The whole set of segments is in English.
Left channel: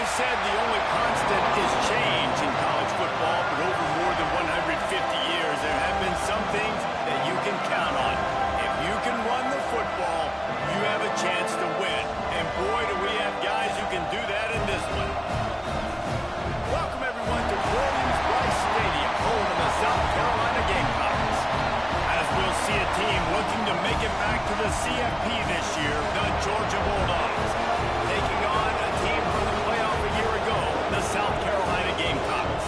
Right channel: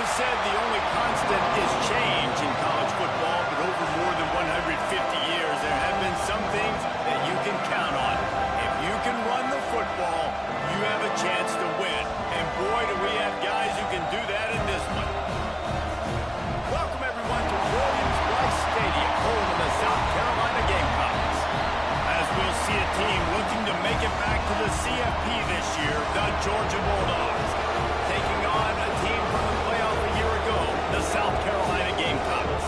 is said the only constant is change in college football, but over more than 150 years, there have been some things that you can count on. If you can run the football, you have a chance to win. And boy, do we have guys who can do that in this one. Welcome, everyone, to Williams-Brice Stadium, home of the South Carolina Gamecocks. As we'll see a team looking to make it back to the CFP this year, the Georgia Bulldogs, taking on a team from the playoff a year ago, the South Carolina Gamecocks.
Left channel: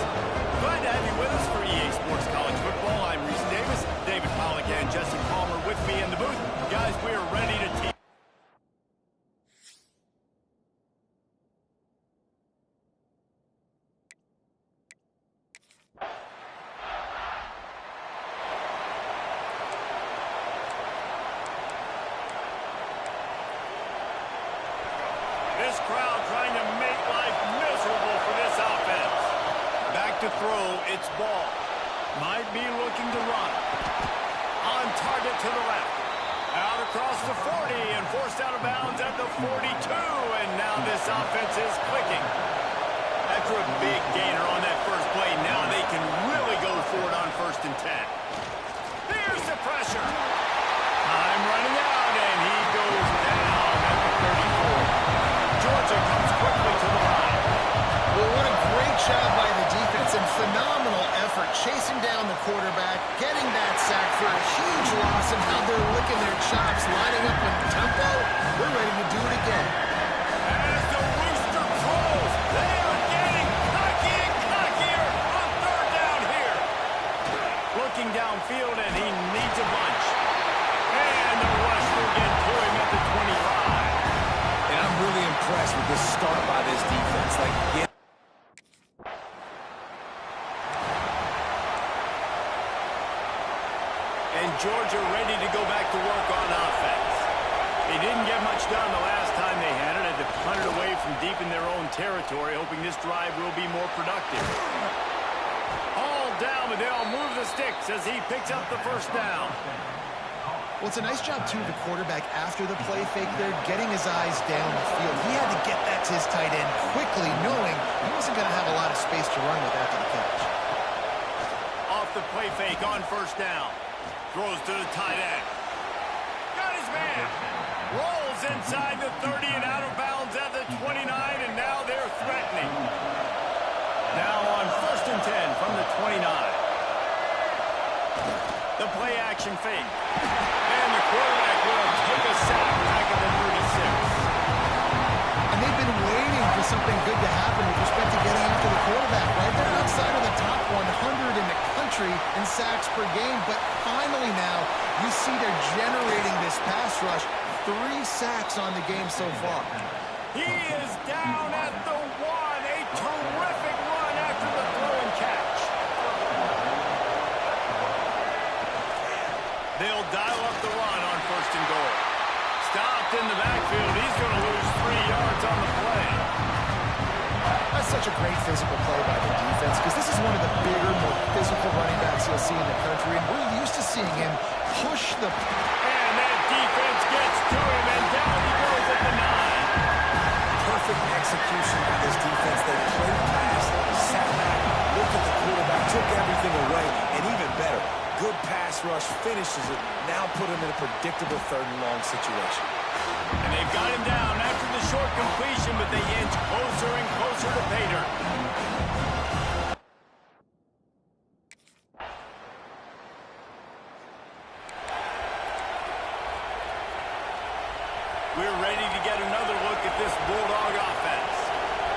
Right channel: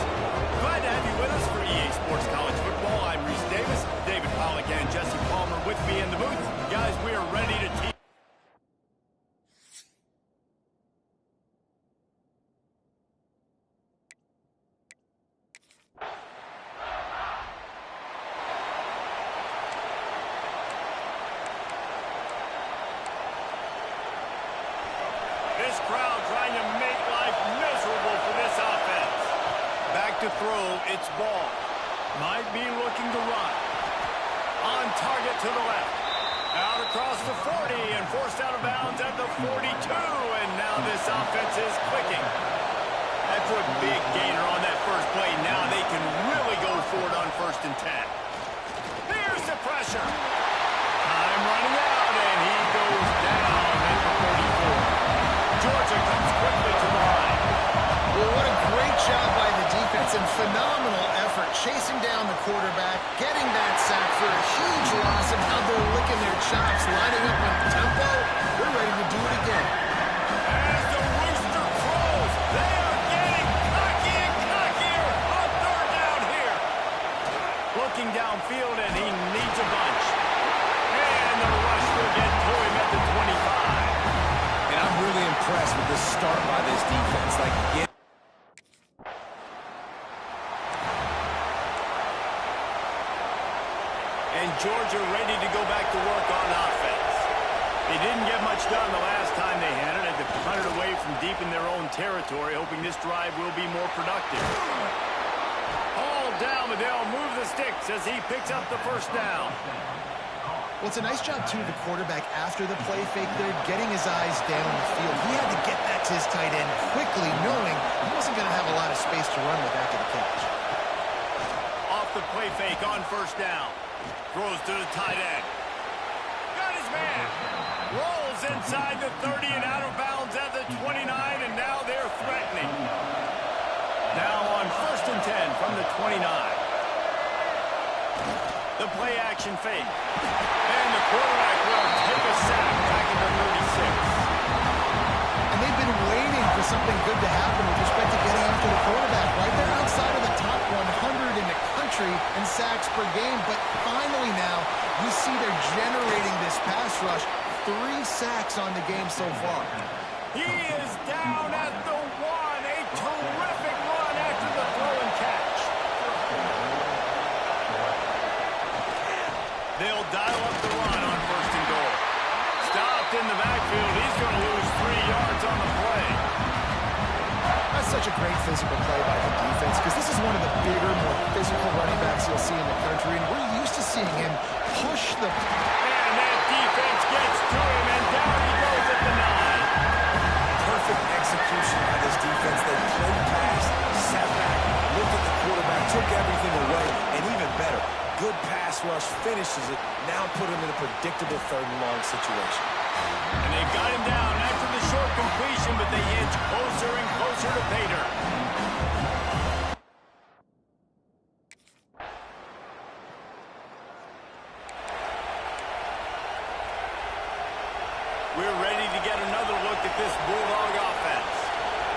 Glad to have you with us for EA Sports College Football. I'm Reese Davis, David Pollack and Jesse Palmer with me in the booth. Guys, we are ready to team. This crowd trying to make life miserable for this offense. Back to throw, it's ball. Might be looking to run. On target to the left. Out across the 40 and forced out of bounds at the 42. And now this offense is clicking. After a big gainer on that first play, now they can really go for it on 1st and 10. Here's the pressure. Time running out, and he goes down at the 34. Georgia comes quickly to the line. Well, what a great job by the defense and phenomenal effort chasing down the quarterback, getting that sack for a huge loss, and now they're licking their chops, lining up with tempo. They're ready to do it again. As the rooster crows, they are getting cocky and cockier on 3rd down here. Looking downfield, and he needs a bunch. And the rush will get to him at the 25. And I'm really impressed with the start by this defense. And Georgia ready to go back to work on offense. They didn't get much done the last time they had it. Had to punt it away from deep in their own territory, hoping this drive will be more productive. All down, but they'll move the sticks as he picks up the 1st down. Well, it's a nice job, too, of the quarterback after the play fake there, getting his eyes down the field. He had to get that to his tight end quickly, knowing he wasn't going to have a lot of space to run with after the catch. Off the play fake on 1st down. Throws to the tight end. Got his man. Rolls inside the 30 and out of bounds at the 29, and now they're threatening. Now on 1st and 10 from the 29. The play action fake. And the quarterback will take a sack back at the 36. And they've been waiting for something good to happen with respect to getting after the quarterback, right? They're outside of the top 100 in the country in sacks per game, but finally now you see they're generating this pass rush. 3 sacks on the game so far. He is down at the 1. A terrific run after the throw and catch. They'll dial up the run on 1st and goal. Stopped in the backfield. He's going to lose 3 yards on the play. That's such a great physical play by the defense because this is one of the bigger, more physical running backs you'll see in the country, and we're used to seeing him push the... And that defense gets to him, and down he goes at the 9. Perfect execution by this defense. They played pass, sat back, looked at the quarterback, took everything away, and even better, good pass rush, finishes it, now put him in a predictable 3rd and long situation. And they've got him down after the short completion, but they inch closer and closer to pay dirt. We're ready to get another look at this Bulldog offense.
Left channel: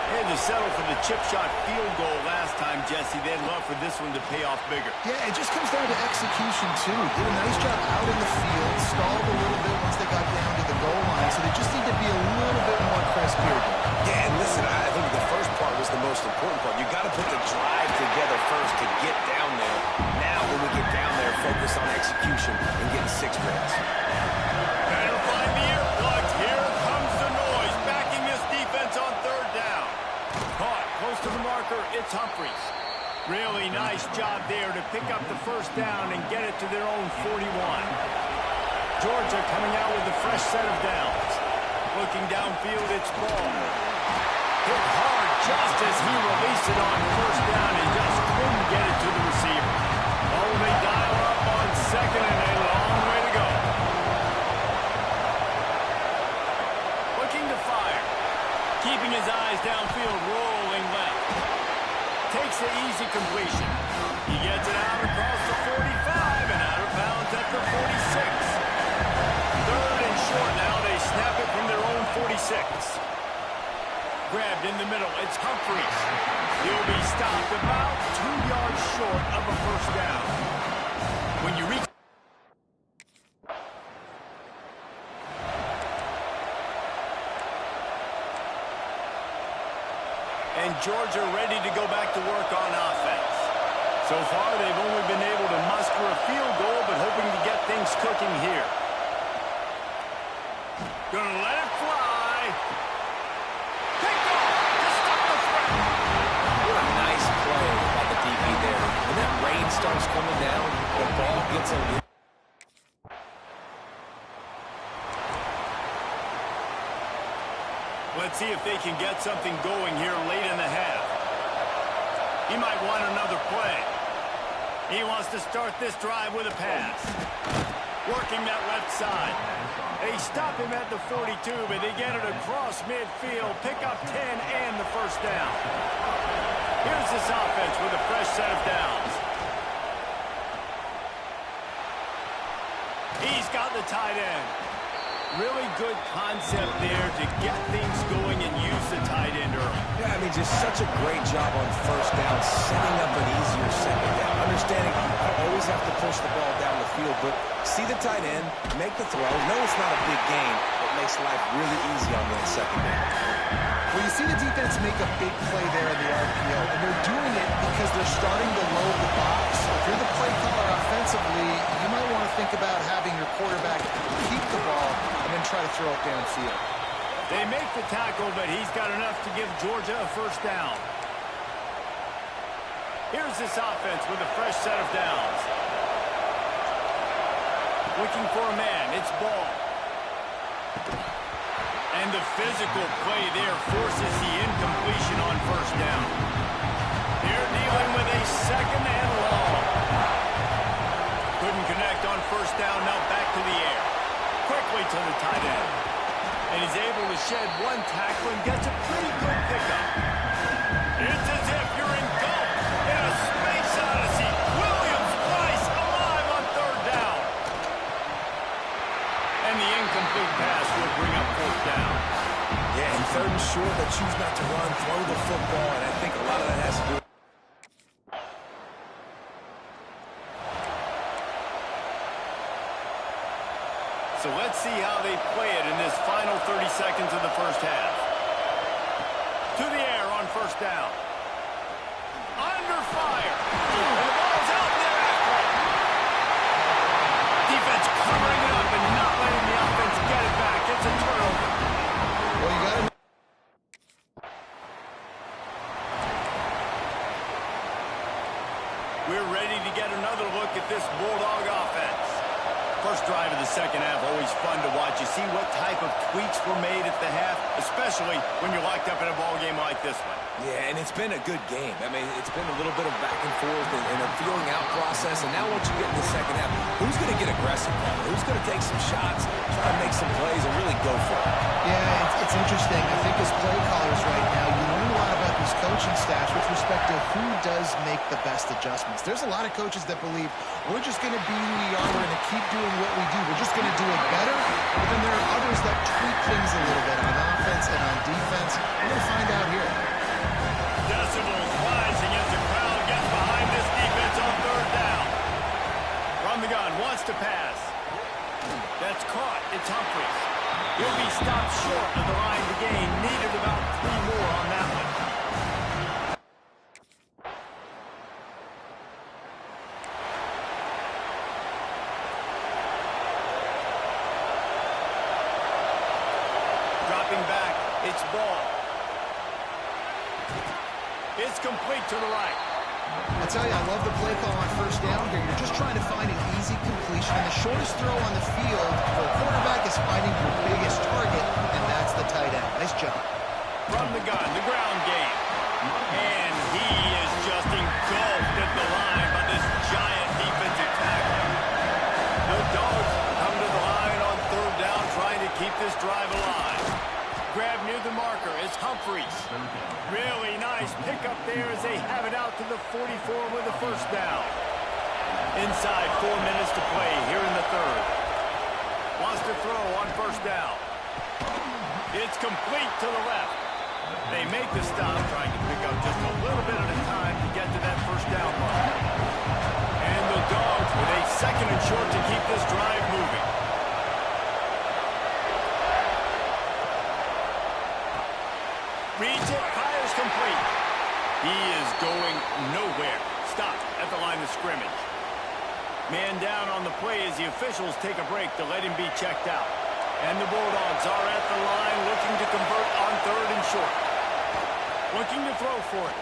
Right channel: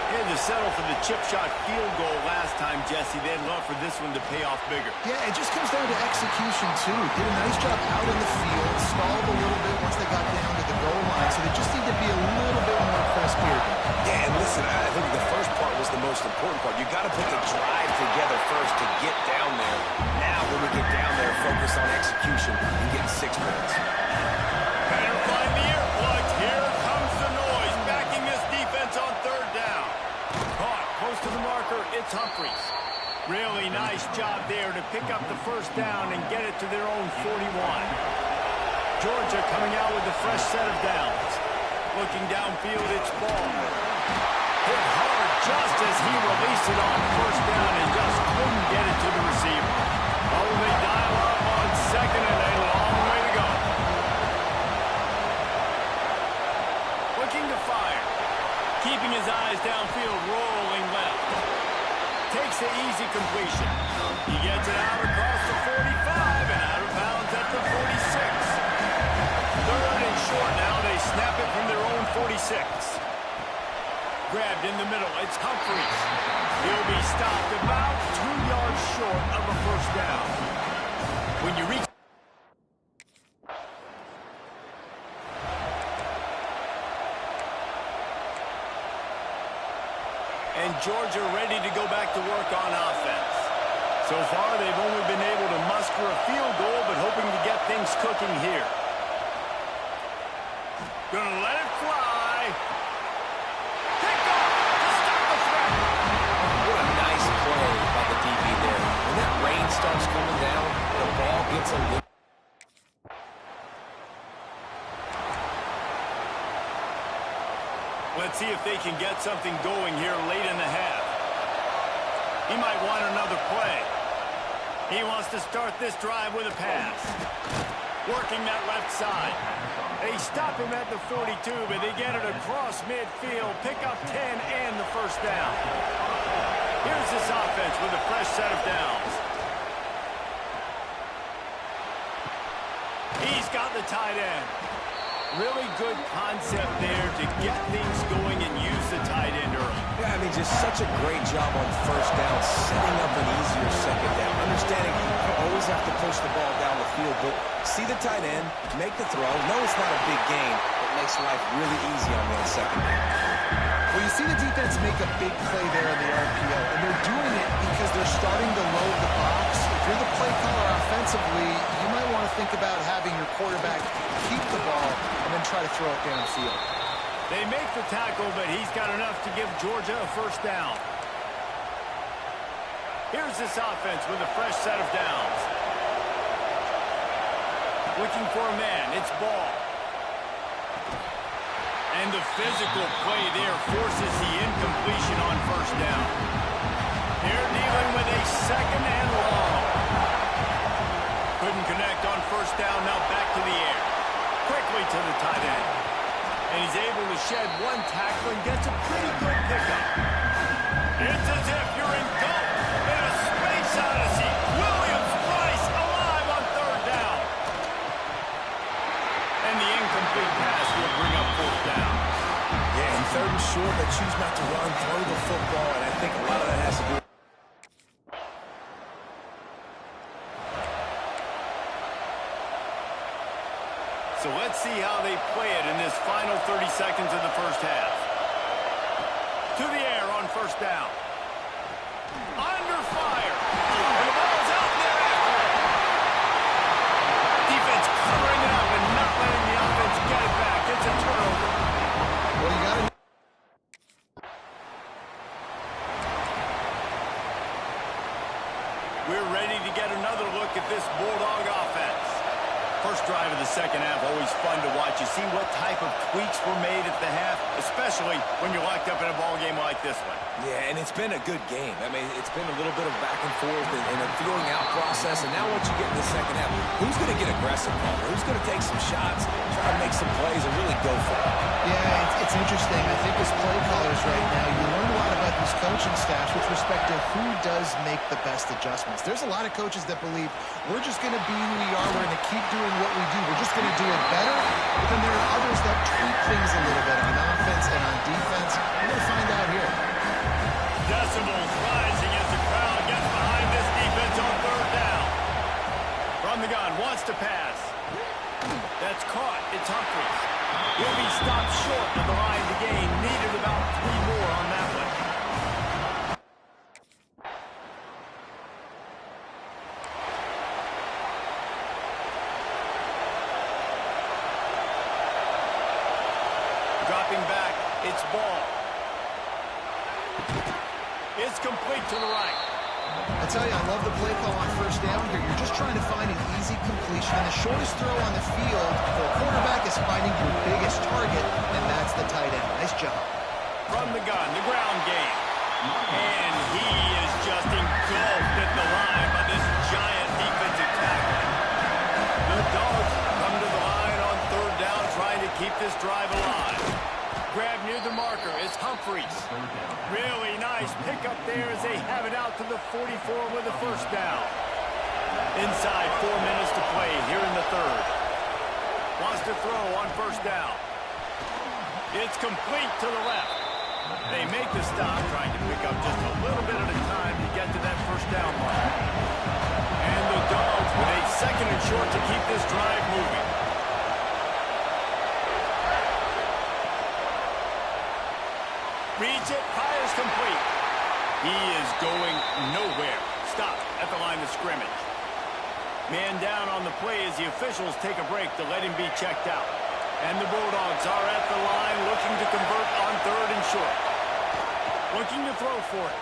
They had to settle for the chip shot field goal last time, Jesse. They'd love for this one to pay off bigger. Yeah, it just comes down to execution, too. Did a nice job out in the field, stalled a little bit once they got down to the goal line, so they just need to be a little bit more crisp here. Yeah, and listen, I think the first part was the most important part. You got to put the drive together first to get down there. Now, when we get down there, focus on execution and getting 6 points. Better find the earplugs. Here comes the noise, backing this defense on 3rd down. Caught close to the marker, it's Humphries. Really nice job there to pick up the 1st down and get it to their own 41. Georgia coming out with a fresh set of downs. Looking downfield, it's ball. Hit hard just as he released it on first down and just couldn't get it to the receiver. Oh, they dial up on second and a long way to go. Looking to fire. Keeping his eyes downfield, rolling left. Takes the easy completion. He gets it out across the 45 and out of bounds at the 46. Third and short now. They snap it from their own 46. Grabbed in the middle. It's Humphries. He'll be stopped about 2 yards short of a first down. When you reach... And Georgia ready to go back to work on offense. So far, they've only been able to muster a field goal, but hoping to get things cooking here. Gonna let it fly. Picked off to stop the threat. What a nice play by the DB there. When that rain starts coming down, the ball gets a little... Let's see if they can get something going here late in the half. He might want another play. He wants to start this drive with a pass. Working that left side. They stop him at the 42, but they get it across midfield. Pick up 10 and the first down. Here's this offense with a fresh set of downs. He's got the tight end. Really good concept there to get things going and use the tight end early. Yeah, I mean, just such a great job on first down, setting up an easier second down. Understanding you don't always have to push the ball down the field, but see the tight end, make the throw. No, it's not a big gain, but makes life really easy on you on second down. Well, you see the defense make a big play there in the RPO, and they're doing it because they're starting to load the box. If you're the play caller offensively, you might want to think about having your quarterback keep the ball and then try to throw it downfield. They make the tackle, but he's got enough to give Georgia a first down. Here's this offense with a fresh set of downs. Looking for a man. It's Ball. And the physical play there forces the incompletion on first down. They're dealing with a second and long. Couldn't connect on first down. Now back to the air. Quickly to the tight end. And he's able to shed one tackle and gets a pretty good pickup. It's as if you're engulfed in a space odyssey. Williams-Brice alive on third down. And the incomplete pass will bring up fourth down. Yeah, and third and short, they choose not to run, throw the football, and I think a lot of that has to do with... So let's see how they play it in this final 30 seconds of the first half. To the air on first down. Under fire. And the ball's out there after it. Defense covering it up and not letting the offense get it back. It's a turnover. Well, you got to... We're ready to get another look at this Bulldog offense. First drive of the second half, always fun to watch. You see what type of tweaks were made at the half, especially when you're locked up in a ball game like this one. Yeah, and it's been a good game. I mean, it's been a little bit of back and forth and a feeling out process. And now once you get in the second half, who's going to get aggressive, Palmer? Who's going to take some shots, try to make some plays, and really go for it? Yeah, it's interesting. I think as play callers right now, you learn a lot about these coaching staffs with respect to who does make the best adjustments. There's a lot of coaches that believe we're just going to be who we are. We're going to keep doing what we do. We're just going to do it better. But then there are others that tweak things a little bit on offense and on defense. We're going to find out here. Decibels rising as the crowd gets behind this defense on third down. From the gun, wants to pass. That's caught. It's Humphries. He'll be stopped short of the line to gain. Needed about 3 more on that one. Dropping back, it's Ball. It's complete to the right. I'll tell you, I love the play call on first down here. You're just trying to find an easy completion, and the shortest throw on the field for a quarterback is finding your biggest target, and that's the tight end. Nice job. from the gun, the ground game. And he is just engulfed at the line by this giant defensive tackle. The Dogs come to the line on third down, trying to keep this drive alive. Grab near the marker is Humphries. Really nice pickup there as they have it out to the 44 with a first down. Inside 4 minutes to play here in the third. Wants to throw on first down. It's complete to the left. They make the stop, trying to pick up just a little bit at a time to get to that first down mark. And the Dogs with a second and short to keep this drive moving. Reads it, fires complete. He is going nowhere. Stop at the line of scrimmage. Man down on the play as the officials take a break to let him be checked out. And the Bulldogs are at the line looking to convert on third and short. Looking to throw for it.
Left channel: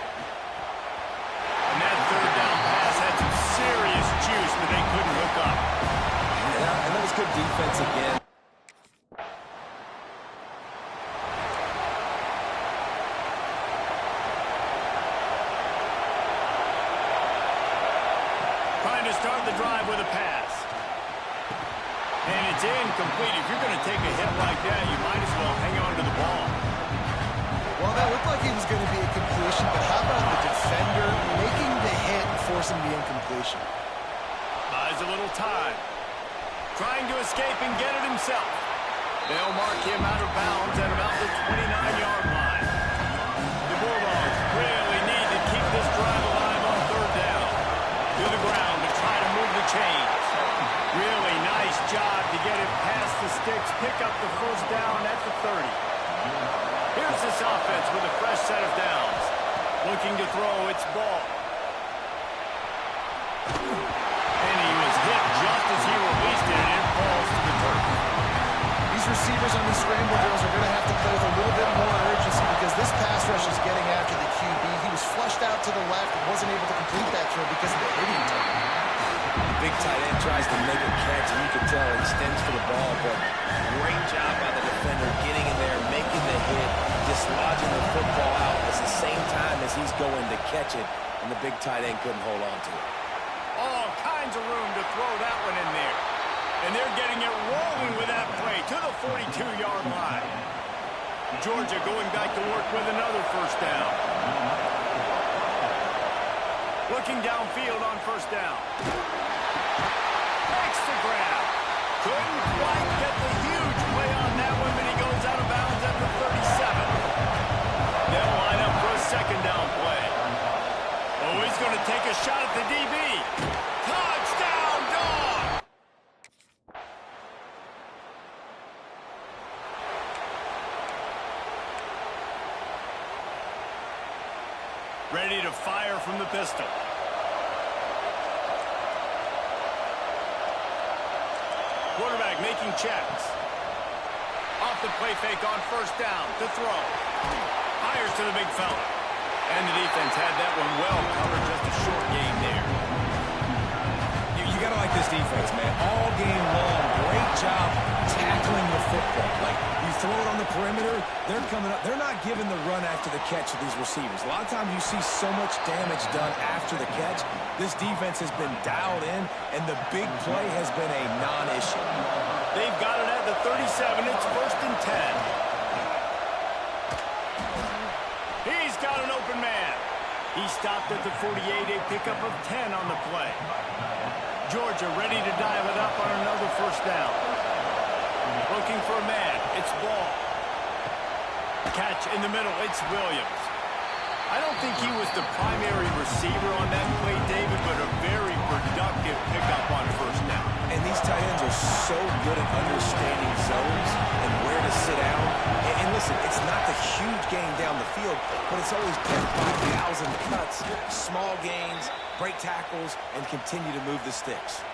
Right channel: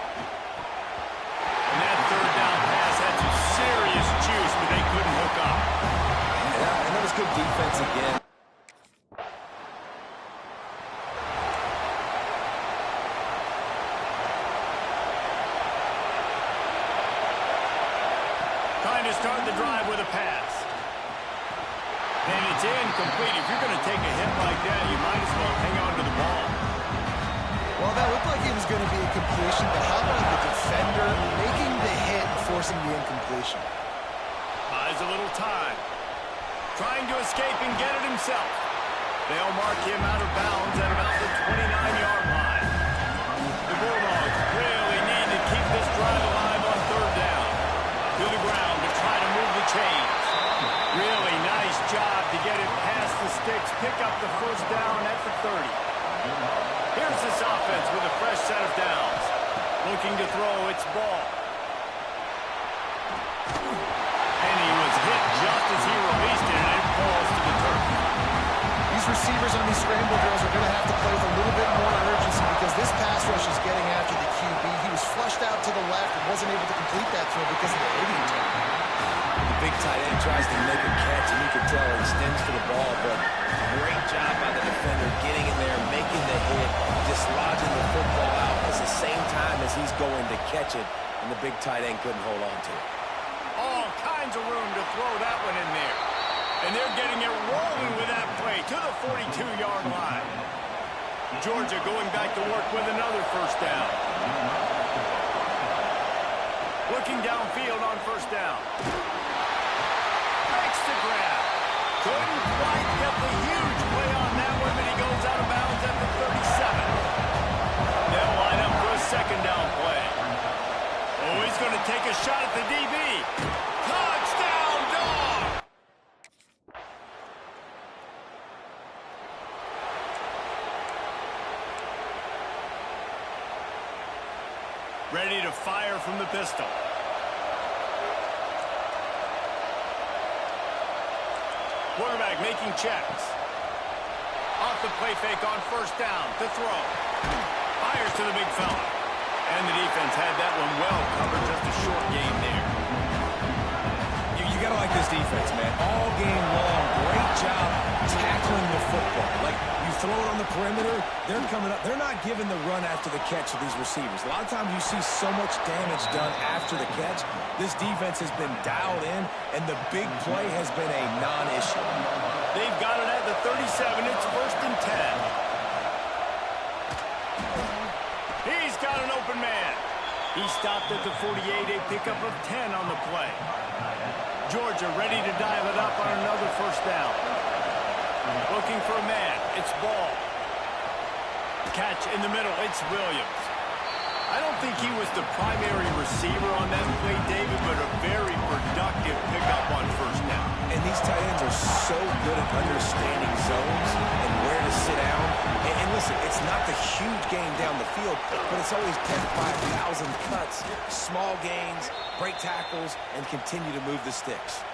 And that third down pass had some serious juice, but they couldn't hook up. Yeah, and that was good defense again. Trying to start the drive with a pass. And it's incomplete. If you're going to take a hit like that, you might as well hang on to the ball. Well, that looked like it was going to be a completion, but how about the defender making the hit and forcing the incompletion? Buys a little time. Trying to escape and get it himself. They'll mark him out of bounds at about the 29-yard line. The Bulldogs really need to keep this drive alive on third down. To the ground to try to move the chains. Really nice job to get it past the sticks, pick up the first down at the 30. Here's this offense with a fresh set of downs. Looking to throw, it's Ball. And he was hit just as he released it, and it falls to the turf. These receivers on these scramble drills are going to have to play with a little bit more urgency because this pass rush is getting after the QB. He was flushed out to the left and wasn't able to complete that throw because of the hitting turn. The big tight end tries to make a catch, and you can tell he extends for the ball, but great job by the defender getting in there, making the hit, dislodging the football out at the same time as he's going to catch it, and the big tight end couldn't hold on to it. All kinds of room to throw that one in there. And they're getting it rolling with that play to the 42-yard line. Georgia going back to work with another first down. Looking downfield on first down. Makes the grab. Couldn't quite get the huge play on that one, but he goes out of bounds at the 37. They'll line up for a second down play. Oh, he's going to take a shot at the DB. Touchdown, Dog! Ready to fire from the pistol. Quarterback making checks. Off the play fake on first down to throw. Fires to the big fella. And the defense had that one well covered. Just a short game there. You got to like this defense, man. All game long, great job tackling the football. Like, you throw it on the perimeter, they're coming up. They're not giving the run after the catch to these receivers. A lot of times you see so much damage done after the catch. This defense has been dialed in, and the big play has been a non-issue. They've got it at the 37. It's first and 10. He's got an open man. He stopped at the 48, a pickup of 10 on the play. Georgia ready to dial it up on another first down. Looking for a man. It's Ball. Catch in the middle. It's Williams. I don't think he was the primary receiver on that play, David, but a very productive pickup on first down. And these tight ends are so good at understanding zones and where to sit down. And listen, it's not the huge gain down the field, but it's always 10 to 5,000 cuts, small gains, break tackles, and continue to move the sticks.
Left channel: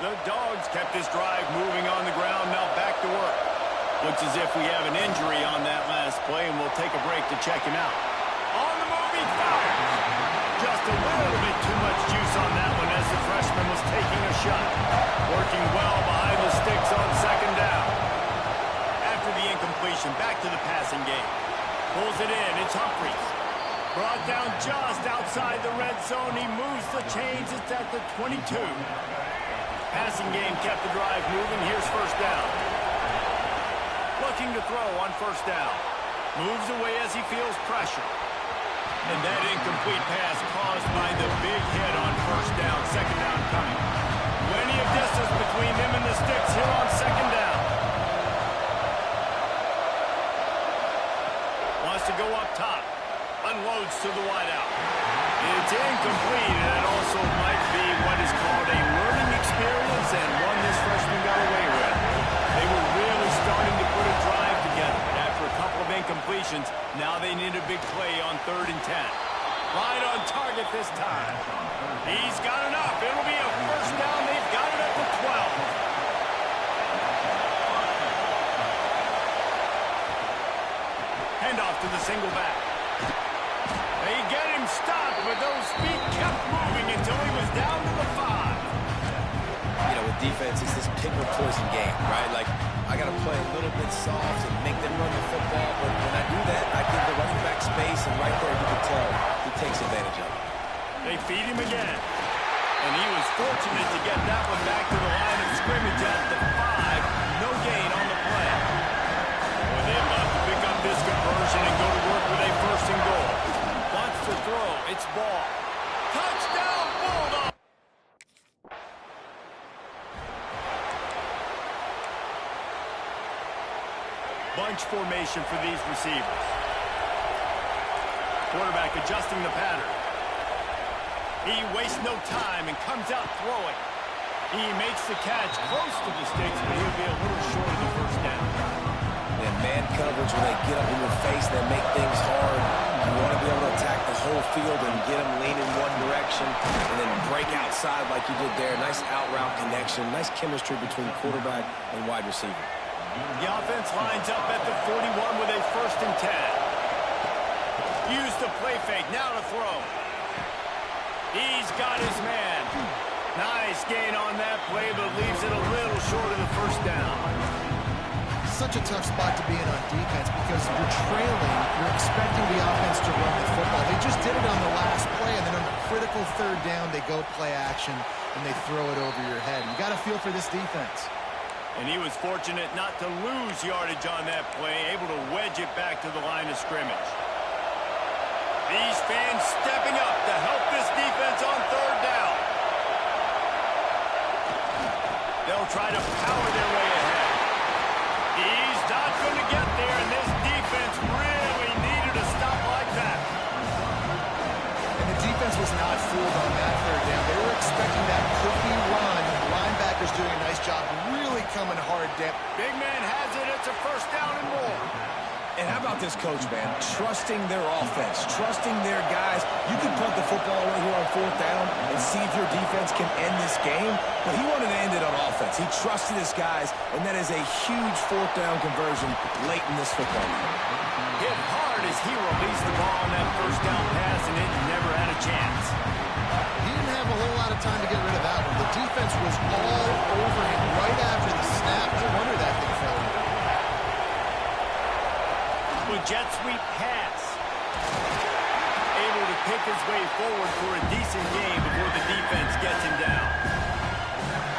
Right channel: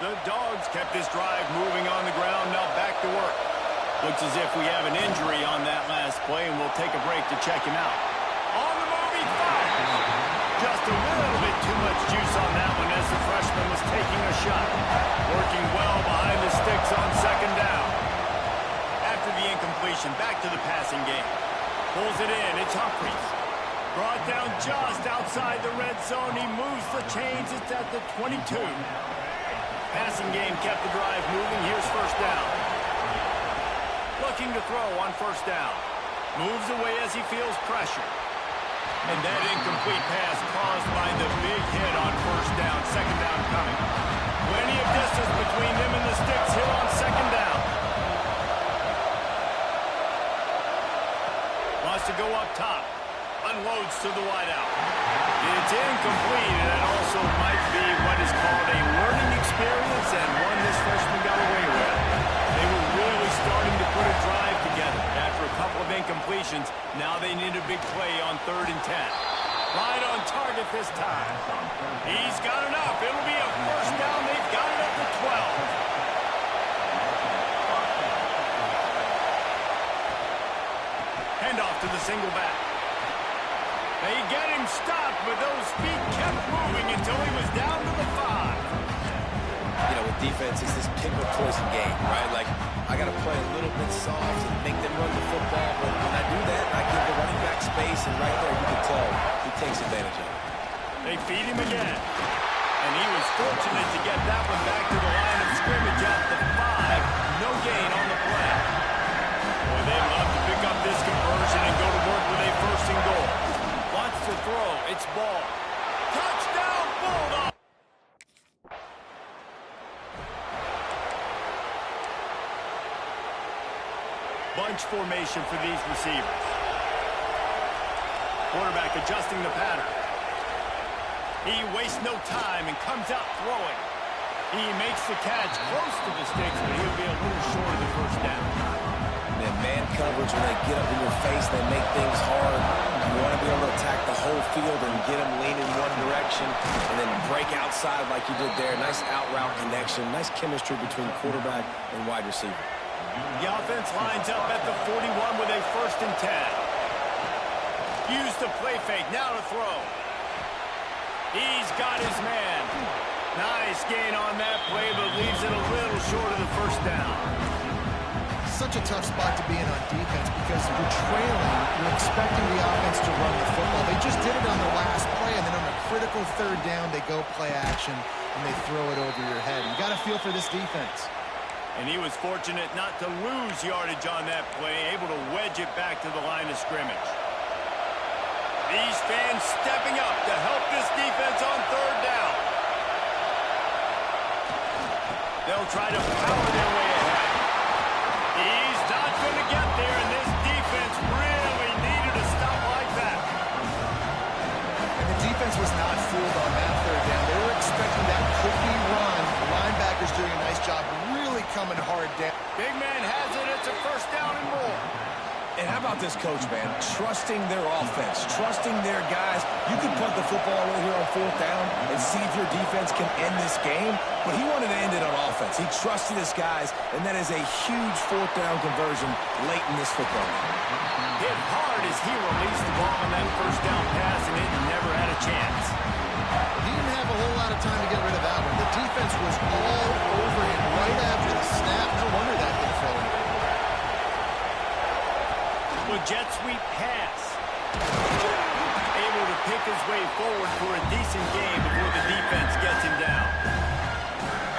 The Dogs kept this drive moving on the ground. Now back to work. Looks as if we have an injury on that last play, and we'll take a break to check him out. On the move, he fires. Just a little bit too much juice on that one as the freshman was taking a shot. Working well behind the sticks on second down. After the incompletion, back to the passing game. Pulls it in. It's Humphries. Brought down just outside the red zone. He moves the chains. It's at the 22. Passing game kept the drive moving. Here's first down. Looking to throw on first down. Moves away as he feels pressure. And that incomplete pass caused by the big hit on first down. Second down coming. Plenty of distance between them and the sticks here on second down. Wants to go up top. Unloads to the wideout. It's incomplete, and it also might be what is called a learning experience and one this freshman got away with. They were really starting to put a drive together. After a couple of incompletions, now they need a big play on 3rd and 10. Right on target this time. He's got enough. It'll be a first down. They've got it at the 12. Handoff to the single back. They get him stopped, but those feet kept moving until he was down to the 5. You know, with defense, it's this pick or poison game, right? Like, I got to play a little bit soft and make them run the football, but when I do that, I give the running back space, and right there you can tell he takes advantage of it. They feed him again, and he was fortunate to get that one back to the line of scrimmage at the 5. No gain on the play. Boy, they'd love to pick up this conversion and go to work with a first and goal. Wants to throw. It's ball. Touchdown, Bulldogs! Bunch formation for these receivers. Quarterback adjusting the pattern. He wastes no time and comes out throwing. He makes the catch close to the sticks, but he'll be a little short of the first down. And man coverage, when they get up in your face, they make things hard. You want to be able to attack the whole field and get them leaning one direction and then break outside like you did there. Nice out route connection. Nice chemistry between quarterback and wide receiver. The offense lines up at the 41 with a first and 10. Use the play fake. Now to throw. He's got his man. Nice gain on that play, but leaves it a little short of the first down. Such a tough spot to be in on defense because you're trailing, you're expecting the offense to run the football. They just did it on the last play, and then on a critical 3rd down, they go play action, and they throw it over your head. You got to feel for this defense. And he was fortunate not to lose yardage on that play, able to wedge it back to the line of scrimmage. These fans stepping up to help this defense on 3rd down. They'll try to power their way ahead. He's not going to get there, and this defense really needed a stop like that. And the defense was not fooled on that 3rd down. They were expecting that could be run. The linebackers doing a nice job really coming hard down. Big man has it. It's a first down and more. And how about this coach, man? Trusting their offense, trusting their guys. You can punt the football away here on 4th down and see if your defense can end this game, but he wanted to end it on offense. He trusted his guys, and that is a huge 4th down conversion late in this football game. Hit hard as he released the ball on that first down pass, and it never had a chance. He didn't have a whole lot of time to get rid of that one. The defense was all over him right after the snap. No wonder that thing fell in. With jet sweep pass. Able to pick his way forward for a decent game before the defense gets him down.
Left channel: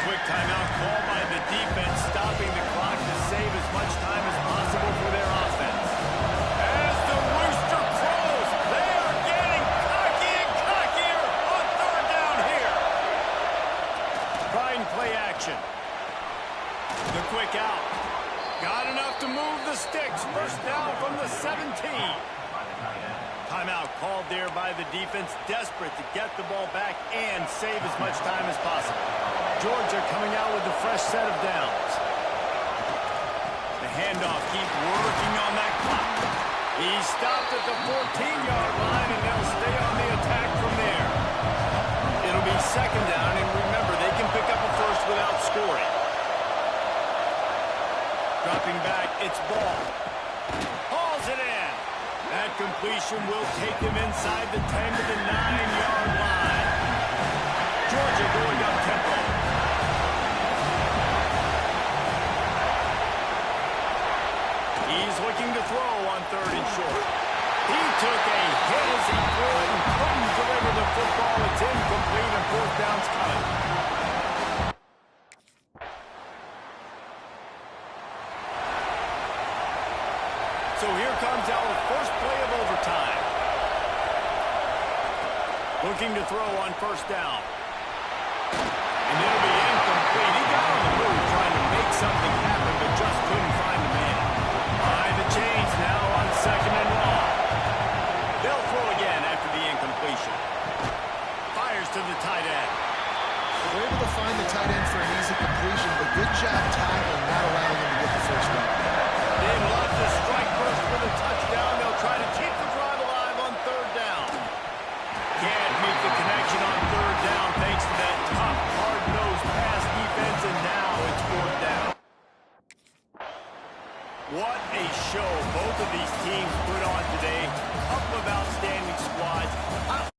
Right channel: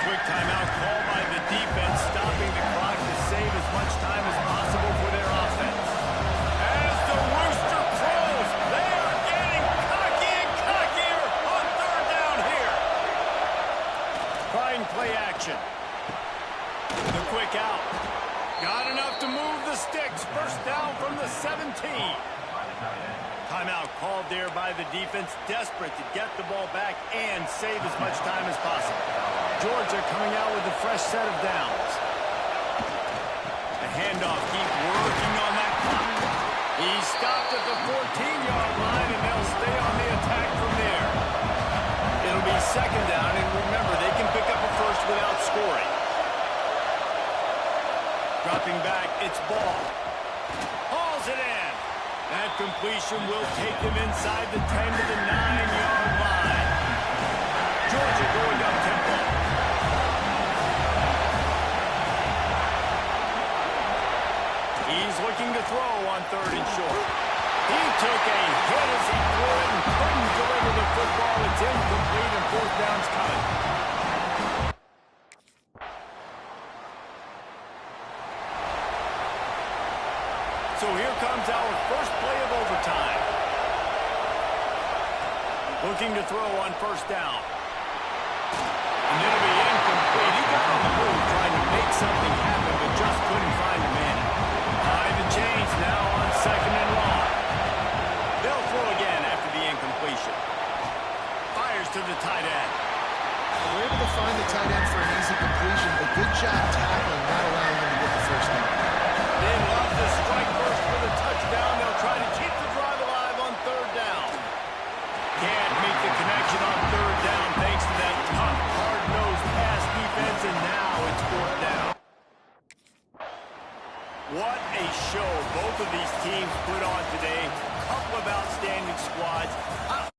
Quick timeout called by the defense, stopping the clock to save as much time as possible for their offense. As the rooster crows, they are getting cocky and cockier on 3rd down here. Trying play action. The quick out. Got enough to move the sticks. First down from the 17. Timeout called there by the defense, desperate to get the ball back and save as much time as possible. Georgia coming out with a fresh set of downs. The handoff keep working on that clock. He's stopped at the 14-yard line, and they'll stay on the attack from there. It'll be second down, and remember, they can pick up a first without scoring. Dropping back, it's ball. Hauls it in. That completion will take him inside the 10 to the 9-yard line. Georgia going up tempo. He's looking to throw on 3rd and short. He took a hit as he threw it and couldn't deliver the football. It's incomplete and 4th down's coming. So here comes our first play of overtime. Looking to throw on 1st down. And it'll be incomplete. He got on the move trying to make something happen, but just couldn't find the man. Behind the chains now on 2nd and long. They'll throw again after the incompletion. Fires to the tight end. They're able to find the tight end for an easy completion, but good job tackling, not allowing him to get the 1st down. They'd love to strike first for the touchdown. They'll try to keep the drive alive on 3rd down. Can't make the connection on 3rd down thanks to that tough, hard-nosed pass defense, and now it's 4th down. What a show both of these teams put on today. Couple of outstanding squads.